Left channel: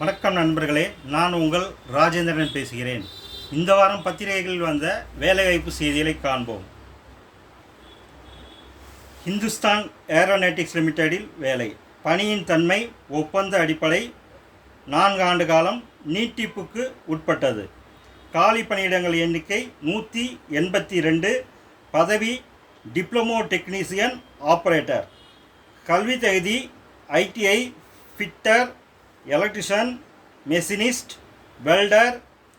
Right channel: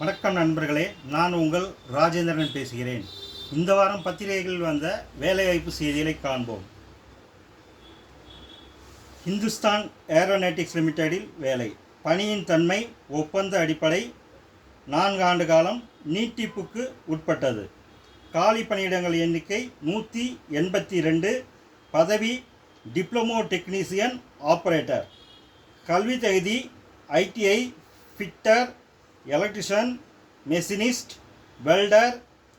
வணக்கம் நண்பர்களே, நான் உங்கள் ராஜேந்திரன் பேசுகிறேன். இந்த வாரம் பத்திரிகைகளில் வந்த வேலைவாய்ப்பு செய்திகளை காண்போம். ஹிந்துஸ்தான் ஏரோநாட்டிக்ஸ் லிமிடெடில் வேலை. பணியின் தன்மை ஒப்பந்த அடிப்படை, 4 ஆண்டு காலம், நீட்டிப்புக்கு உட்பட்டது. காலி பணியிடங்கள் எண்ணிக்கை 182. பதவி டிப்ளமோ டெக்னீசியன் ஆப்ரேட்டர். கல்வி தகுதி ITI, fitter, electrician, machinist, welder,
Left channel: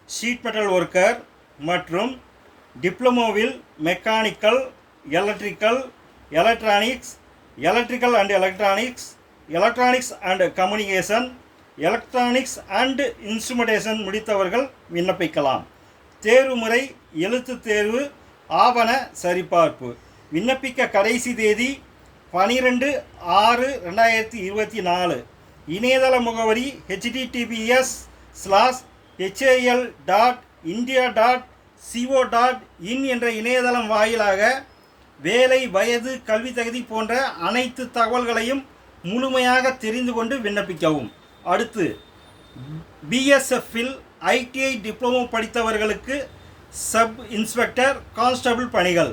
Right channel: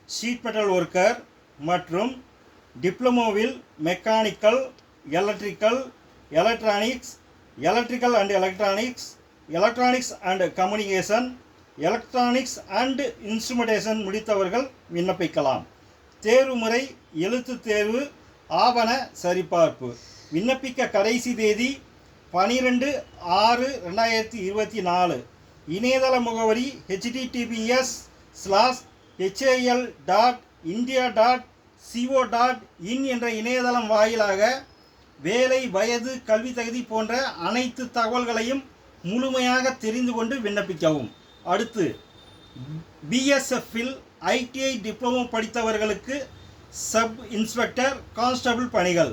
sheet metal worker மற்றும் டிப்ளமோவில் mechanical, electrical, electronics, electrical and electronics, electronics and communication, electronics and instrumentation முடித்தவர்கள் விண்ணப்பிக்கலாம். தேர்வுமுறை எழுத்து தேர்வு, ஆவண சரிபார்ப்பு. விண்ணப்பிக்க கடைசி தேதி 12/6/2024. இணையதள முகவரி https://hal.india.co.in என்ற இணையதளம் வாயிலாக வேலை, வயது, கல்வி தகுதி போன்ற அனைத்து தகவல்களையும் முழுமையாக தெரிந்து கொண்டு விண்ணப்பிக்கவும். அடுத்து, BSFில் ITI டிப்ளமோ படித்தவர்களுக்கு சப் இன்ஸ்பெக்டர், கான்ஸ்டபிள் பணிகள்.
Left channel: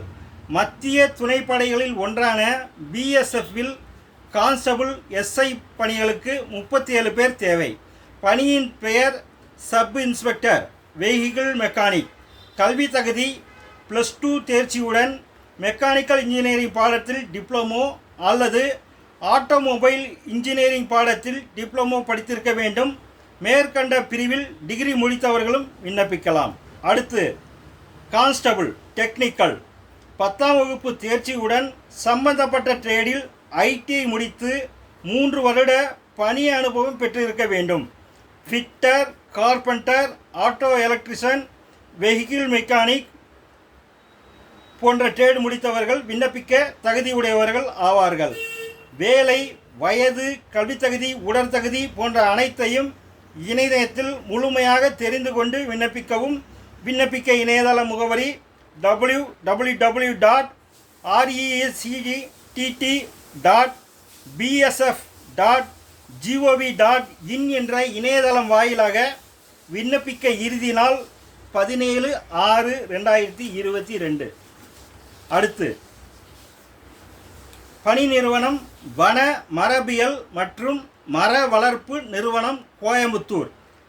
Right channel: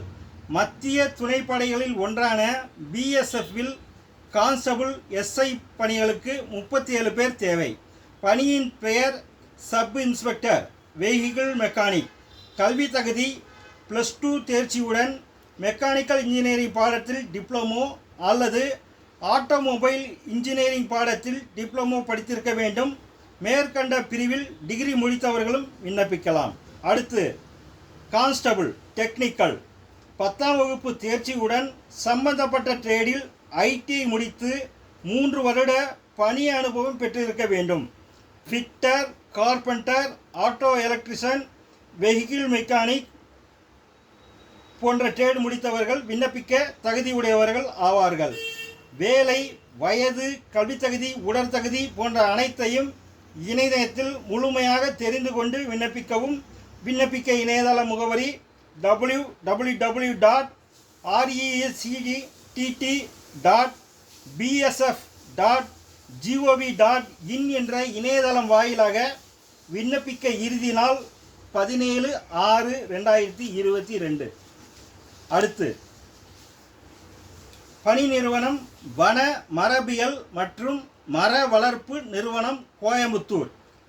மத்திய துணைப்படைகளில் ஒன்றான BSFில் கான்ஸ்டபிள் SI பணிகளுக்கு 37 பேர் தேவை. பணியின் பெயர் சப் இன்ஸ்பெக்டர், வெஹிக்கிள் மெக்கானிக். கல்வி தகுதி +2 தேர்ச்சியுடன் மெக்கானிக்கல் இன்ஜினியரிங் பாடத்தில் டிப்ளமோ அல்லது ஆட்டோமொபைல் இன்ஜினியரிங் பாடத்தில் டிப்ளமோ படித்திருக்க வேண்டும். மேற்கண்ட பிரிவில் டிகிரி முடித்தவர்களும் விண்ணப்பிக்கலாம். அடுத்து, கான்ஸ்டபிள் டெக்னிக்கல். 10ஆம் வகுப்பு தேர்ச்சியுடன் சம்பந்தப்பட்ட ட்ரேடில் ITI முடித்து 3 வருட பணி அனுபவம் பெற்றிருக்க வேண்டும். Fitter, carpenter, auto electrician, vehicle mechanic போன்ற ட்ரேடு முடித்தவர்கள் விண்ணப்பிக்க தகுதியுடையவர்கள் ஆவார்கள். வேலை, வயது, கல்வி தகுதி, உடற்தகுதி போன்ற அனைத்தையும் இணையத்தில் முழுமையாக தெரிந்து கொண்டு விண்ணப்பிக்கவும். விண்ணப்பிக்க இணையதள முகவரி www.rectt.bsf.gov.in என்ற இணையதளம் வாயிலாக விண்ணப்பிக்க இறுதி நாள் 17/6/2022. அடுத்து, பணி நிறுவனம் வன மரபியல் மற்றும் மர வளர்ப்பு நிறுவனம், கோயம்புத்தூர்,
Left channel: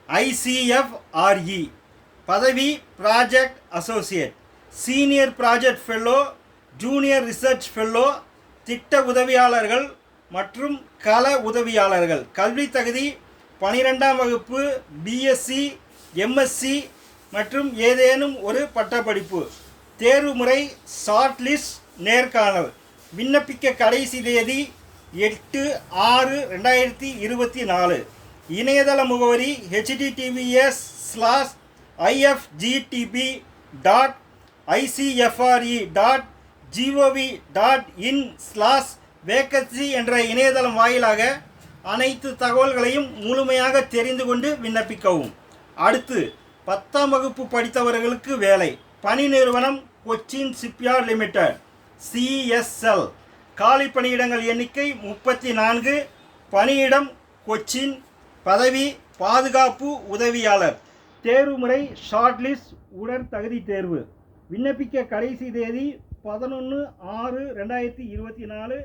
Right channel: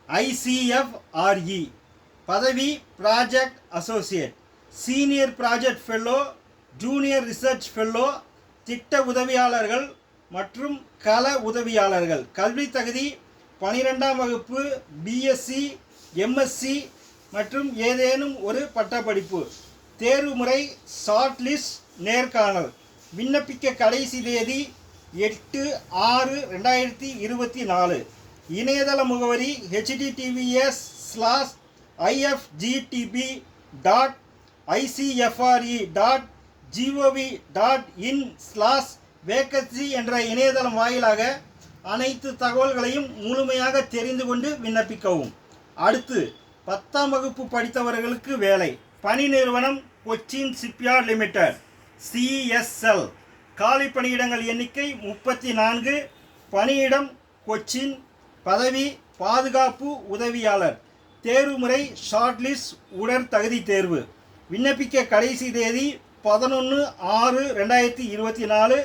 ICFRE. பதவி project associate, senior project fellow, junior research fellow, திட்ட உதவியாளர்கள் மற்றும் கள உதவியாளர்கள். கல்வி தகுதி 12ஆம் வகுப்பு, BSc, MSc மற்றும் ஏதேனும் ஒரு பட்டப்படிப்பு. தேர்வுமுறை ஷார்ட் லிஸ்ட், நேர்காணல். விண்ணப்பிக்க கடைசி தேதி 8/6/2024. இணையதள முகவரி https://ifgtp.icfre.gov.in/vacancy என்ற இணையதளம் வாயிலாக அனைத்து தகவல்களையும் முழுமையாக தெரிந்து கொண்டு விண்ணப்பிக்கவும். அடுத்து, 10ஆம் வகுப்பு படித்தவர்களுக்கு வேலை. பணி நிறுவனம் கொச்சின் ஷிப்யார்ட் லிமிடெட், CSL. காலி பணியிடங்கள் எண்ணிக்கை 34. பணியிடம் கொச்சின். பதவி பாதுகாப்பு உதவியாளர். தேர்வுமுறை ஷார்ட் லிஸ்ட், உடற்தகுதி தேர்வு. விண்ணப்பிக்க கடைசி தேதி 11/6/2024.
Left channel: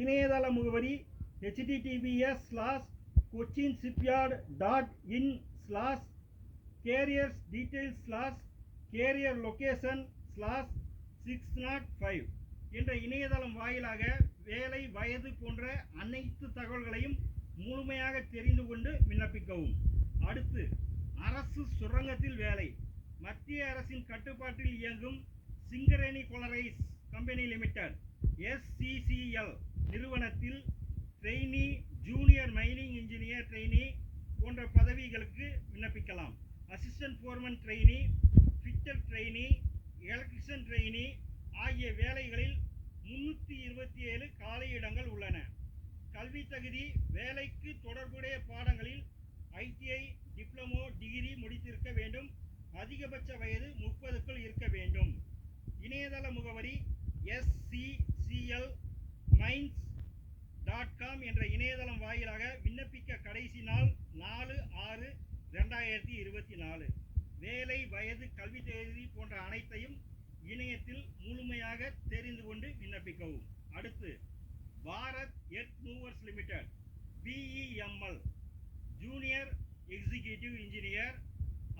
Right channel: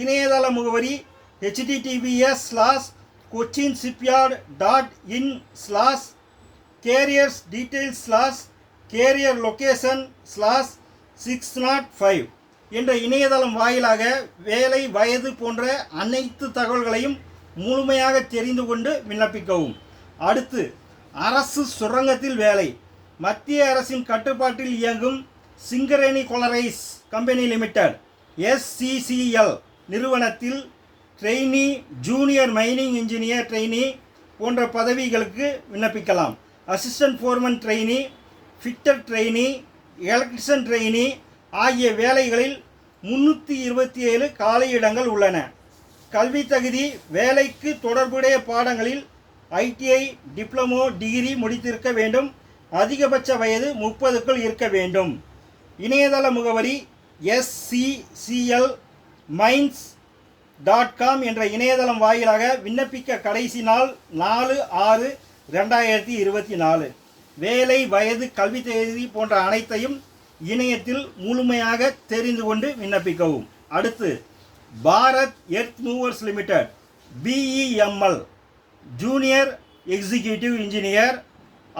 இணையதள முகவரி https://cochinshipyard.in/career-location/605 என்ற இணையதளம் வாயிலாக வேலை, வயது போன்ற அனைத்து தகவல்களையும் முழுமையாக தெரிந்து கொண்டு விண்ணப்பிக்கவும். அடுத்து, அரசு சுரங்கத்தில் வேலை. மத்திய அரசின் கட்டுப்பாட்டில் இயங்கும் சிங்கரேணி கொலரைஸ் கம்பெனி லிமிடெட், SCCL நிறுவனத்தில் trainee, junior mining engineer trainee போன்ற பதவிகளுக்கு விண்ணப்பிக்கலாம். Assistant Foreman trainee, fitter trainee, electrician trainee ஆகிய வேலைகளில் 327 காலியிடங்கள் உள்ளன. கல்வி தகுதி வேலைக்கு தொடர்புடைய பாடங்களில் ITI டிப்ளமோ டிகிரி முடித்திருக்க வேண்டும். அதிகபட்ச வயது 30க்குள் இருக்க வேண்டும். இணையதள முகவரி SCCL மைன்ஸ் என்ற இணையதளம் வாயிலாக விண்ணப்பிக்க கடைசி நாள் 4/6/2024. வேலை, வயது, கல்வி தேதி போன்ற அனைத்தையும் இணையத்தில் முழுமையாக தெரிந்து கொண்டு விண்ணப்பிக்கவும். அடுத்து Bharat earth movers limited BEML junior executive engineer,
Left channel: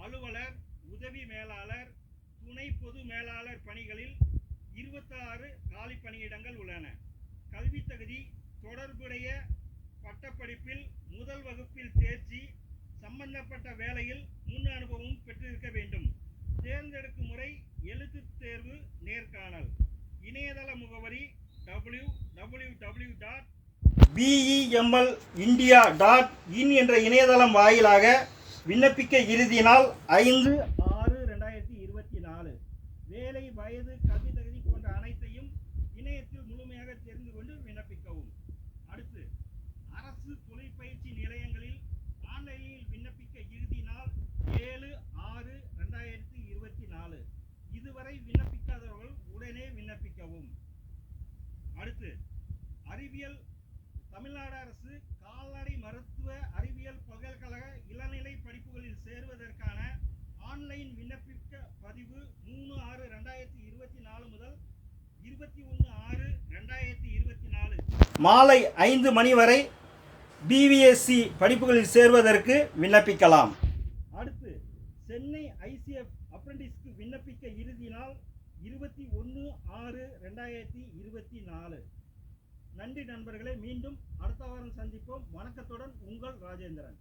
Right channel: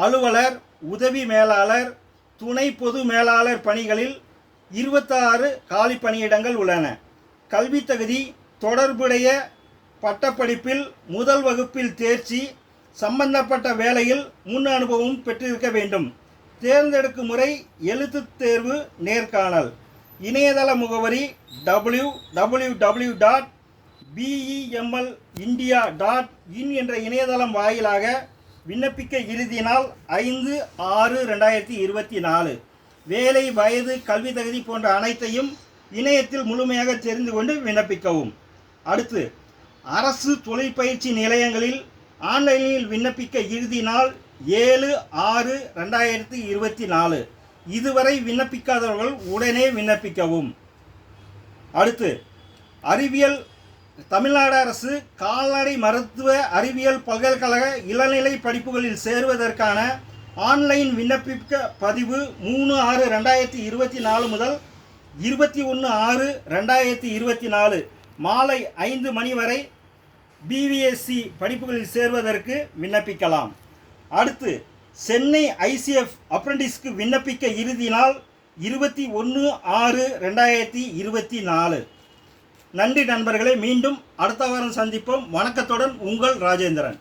அலுவலர், உதவி மேலாளர், துணை பொது மேலாளர் பணிகளில் 26 காலி பணியிடங்கள் உள்ளன. கல்வி தகுதி தொடர்புடைய பட்டப்படிப்பில் முதல் வகுப்பில் தேர்ச்சி, சம்பந்தப்பட்ட வேலையில் முன் அனுபவம் பெற்றிருக்க வேண்டும். தேர்ந்தெடுக்கும் முறை எழுத்துத் தேர்வு, நேர்காணல். இணையதள முகவரி www.beMLindia.in என்ற இணையதளம் வாயிலாக விண்ணப்பிக்க இறுதி நாள் 5/6/2024. வேலை, வயது, கல்வி தகுதி போன்ற அனைத்தையும் இணையத்தில் முழுமையாக தெரிந்து கொண்டு விண்ணப்பிக்கவும். அடுத்து அரசு தொழிற்பயிற்சி நிலையங்களில் ஆன்லைனில் விண்ணப்பிக்க இறுதி நாள் 7/6/2024. இதுவரை விண்ணப்பிக்காதவர்கள் உடனே விண்ணப்பிக்கவும். அடுத்து அறிவியல் தமிழ்நாடு அரசு கால்நடை மருத்துவ அறிவியல் பல்கலைக்கழக இளநிலை படிப்புகளில் சேருவதற்கான ஆன்லைன் விண்ணப்பிக்க பதிவு 3/6/2024 முதல் 21/6/2024 மாலை 5 மணி வரை BVSC படிப்புகளில் சேர்வதற்கு விண்ணப்பிக்கலாம். அடுத்து சென்னை ICF அப்ரெண்டிஸ்க்கு விண்ணப்பிக்க இறுதி நாள் 21/6/2024. நன்றி நண்பர்களே, மீண்டும் அடுத்த வாரம் சந்திப்போம். வணக்கத்துடன் உங்கள் ராஜேந்திரன்.